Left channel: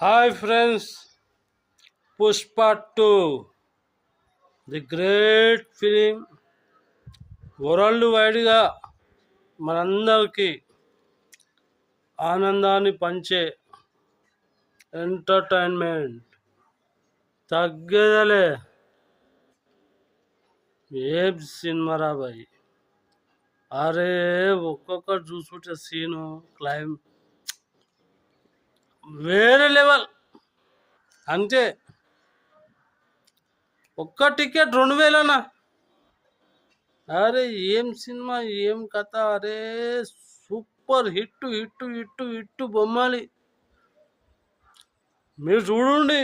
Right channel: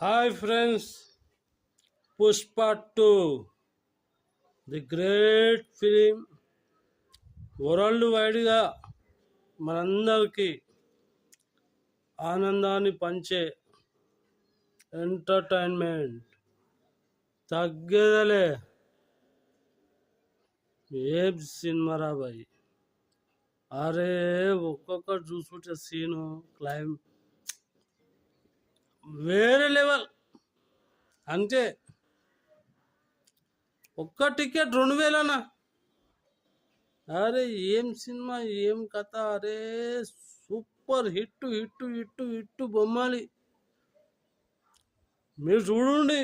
Hi friends, Pushpa 2 the great film world వైడ్గా మనందరికీ ఆనందాన్ని పంచే ఎంటర్టైన్మెంట్ తగ్గేదలే. ఏం సినిమా రాబాయి. అరే ఒక్కొక్కటి చూసుకుంటే సీను క్లైమ్ వేరే లెవెల్. అంతే, ఒక్క టికెట్ 2000 అరే ఏం సినిమా, ఏం కథ. అరే super hit hit hit hit బొమ్మాలి. మీరు చూడండి,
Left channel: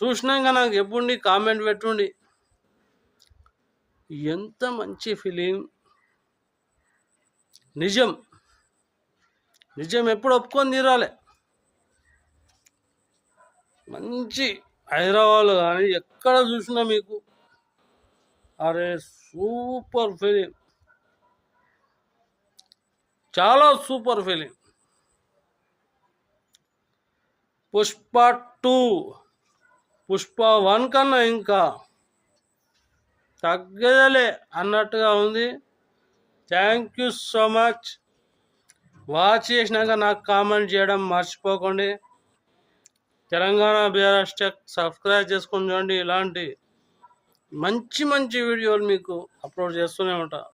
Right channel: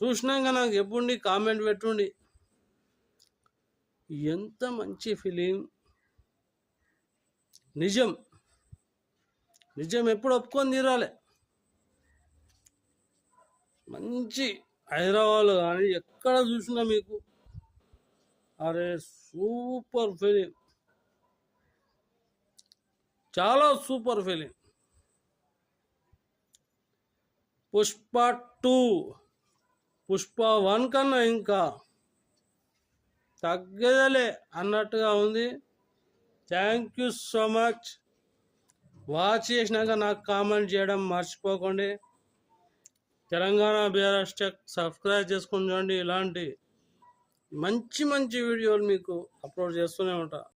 చూసినాక నాకు చెప్పుండి, కామెంట్ పెట్టుండి. ఎంత మంచి ఫిలిం. నిజం నిజం ఎప్పుడు ఒప్పుకొని తీరాలి. మంచి హైదరాబాద్ కానీ ఎక్కడ చూసినా మీకు అరే సూపర్ ఫిలిం, చాలా సూపర్ ఫిలిం. పుష్ప 2 పుష్ప 1 కన్నా ఇంకా తగ్గదలే అన్నట్టుగా ఉంది. Thank you so much. Watch చేసినాక నాకు కామెంట్ చేయడం మర్చిపోకండి. తెలంగాణ బీఆర్ఎస్ టెక్ సబ్స్క్రైబ్ చేసుకొని చూడండి. ఇలాంటి మంచి మంచి వీడియోలు మీకు అప్లోడ్ చేస్తూనే ఉంటా.